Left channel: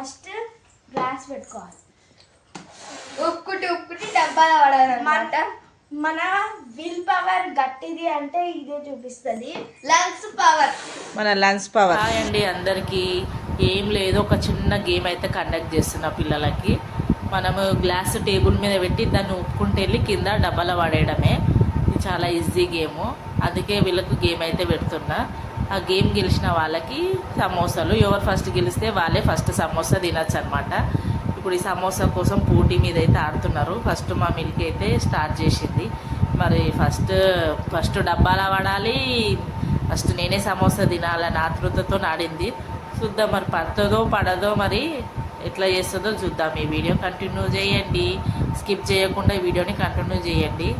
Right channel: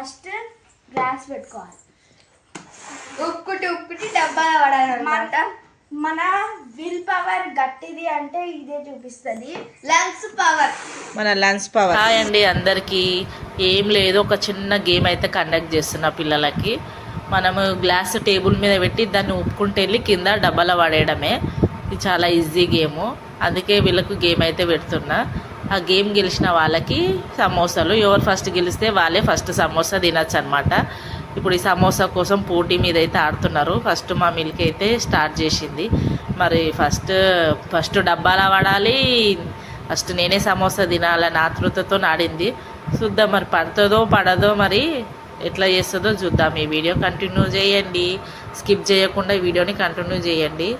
First glass పెట్టుకోవాలి. ఉక్కుటి డబ్బాలో పడాలన్నమాట. మన విల్ పవర్ గట్టిది అంటే ఇదే చూపిస్తుంది. లంగ్స్ పవర్, మన లంగ్స్ పవర్. హాయ్ అండి అందరికీ. ఏం లేదు, ఒక చిన్న గేమ్ అయితే కండక్ట్ చేస్తున్నా పిల్లలకి. మనము గ్లాస్ టేబుల్ మీద పెట్టి దాన్ని ఉప్పుకుంటూ వెళ్ళి కింద డబ్బాలో పడేయడమే. ఇది చాలా ఈజీ గేము, అందుకే వీళ్ళకు గేమ్ అయితే పెడుతున్నా. ఆ గేమ్ గెలిచిన వాళ్ళకి సమోసాలు, ఎవరు ఫస్ట్ గెలిస్తే వాళ్ళే ఫస్ట్ సమోసా తినచ్చు అనమాట. ఇప్పుడు ఈ సమోసా కోసం పోటీ మీద అయితే ఆడుతున్నారు. ఫస్ట్ మా మిల్క్ అయితే స్టార్ట్ చేసింది. మరి ఫస్ట్ డబ్బాలా పడాలి, ఫస్ట్ నేనే సమోసా తినాలని ఆతృతతో ఆడింది. చూద్దాం మరి పడుతుందో పడదో, మరి ఎట్లా చేస్తుందో చూద్దాం. ఈ వీడియో కంటిన్యూ చేయండి, స్కిప్ చేయకుండా ఈ వీడియోని కంటిన్యూ చేయండి.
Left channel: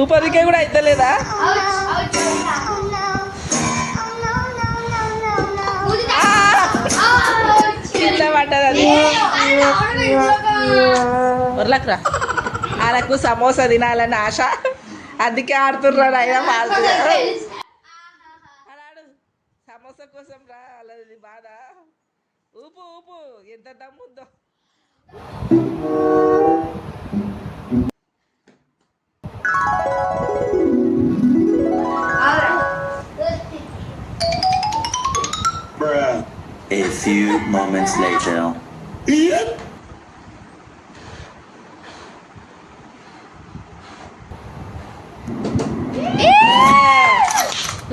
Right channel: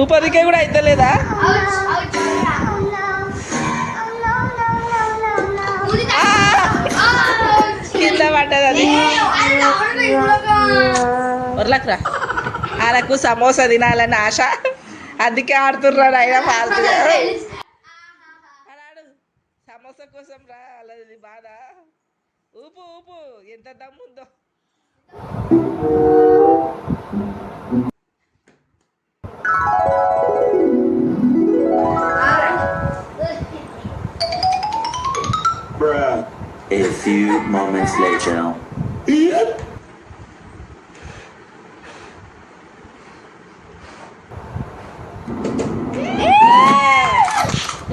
ఊపరికే కూడా అయితలేదా? కింద పడ్డది అది. వర్లక్రా వాళ్ళకు సమోసా తినాలని ఆశ, అందుకే ఆడుతున్నాడు. అయినా ఫాల్తుగా అలాడు సమోసా కోసం రా, అలాది బాధ. ఊపు ఊపు, ఎంత దమ్ముందో. A few moments later.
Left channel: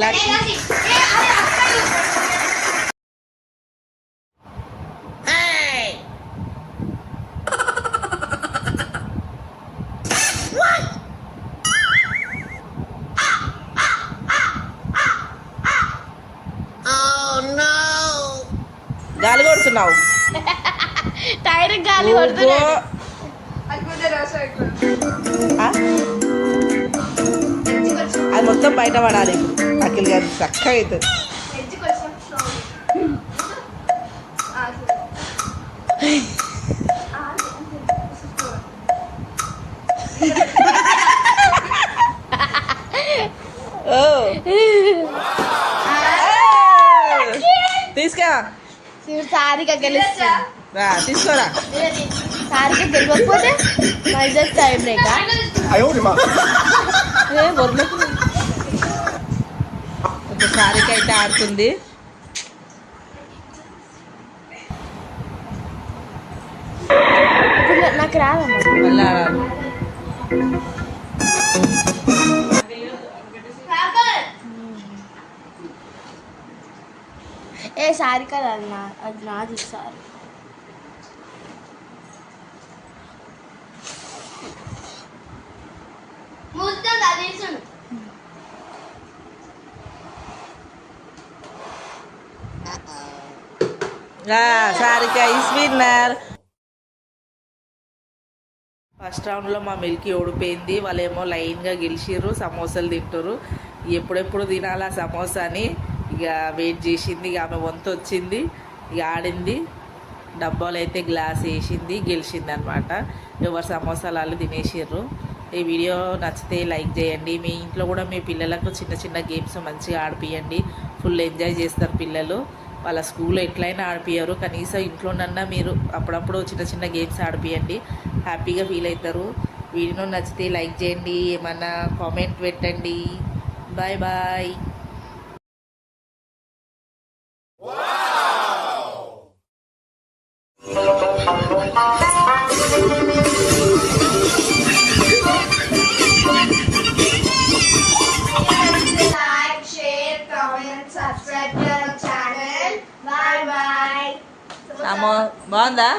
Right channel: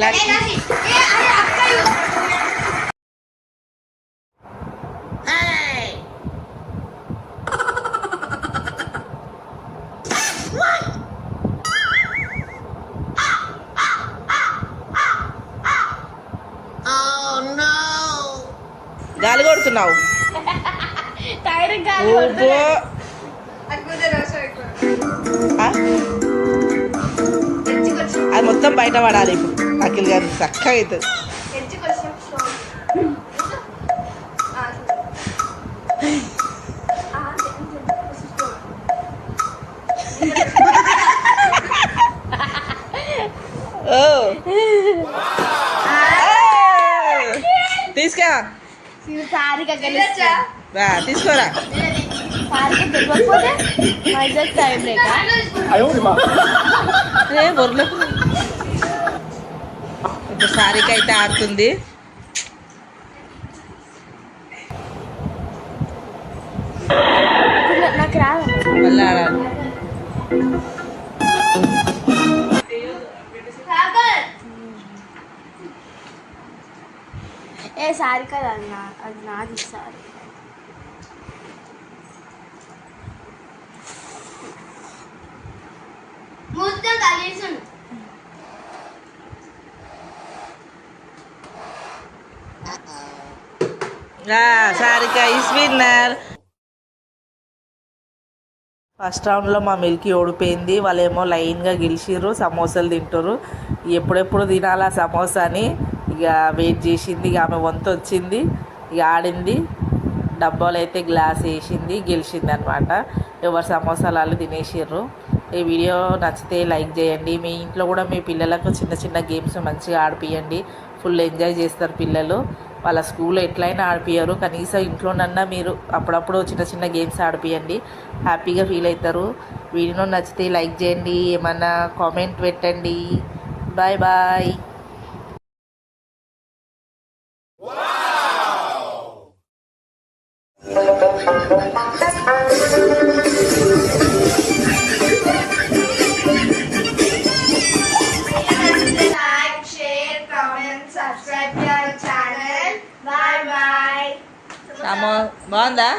Lucky. గాలి కొడుతున్నావు. అది మొత్తం బయట పడాలి. ఇప్పుడు అఖిల్ గారు చక్కగా అవుతుంది. తీసుకా సారిక గెలుస్తా, తీసుకోరా. సారిక గెలవకపోతే ఇప్పుడు సారిక అయితే ఆడుతుంది. నాకు రాదు, మళ్ళీ ఆడాలి. ఏ సారిక అది నాది. సార్ ముద్ద కలిసి సారిక ఈస్ విన్నర్. ఫస్ట్ రౌండ్లో మా మిల్కీ ఓడిపోయింది. వాళ్ళేమో లైన్గా గెలిచిర్రు, సమోసాలు తింటారు. ఎప్పుడెప్పుడు తినాలా సమోసా అని ఇక వెయిట్ చేసింది. ఇక ఆమె వంతు వచ్చింది, ఇక ఆడింది. డబ్బాలు అయితే గ్లాస్ వేసింది, గెలిచింది అనమాట. ఎవరు సమోసాలు వాళ్ళు తినేసిర్రు. ఈ వీడియో నచ్చితే లైక్ చేయండి. మీ ఇంట్లో కూడా మీ పిల్లలకు చిన్న చిన్న గేమ్స్ మంచిగా ఆడిపియండి. ఫుల్ ఎంజాయ్ చేస్తారు పిల్లలు. వాళ్ళ స్కూల్లో ఎట్లయినా ఆడిపియ్యరు, కనీసం ఇంట్లోనన్నా మీరు అప్పుడప్పుడు చిన్న చిన్న గేమ్స్ ఆడిపియండి, హ్యాపీగా ఫీల్ అవుతారు. వీడియో నచ్చితే లైక్ చేయండి, ఏమన్నా కామెంట్ పెట్టండి. Bye bye. like, share, comment, subscribe to our channel. Bye bye. బాగుందా?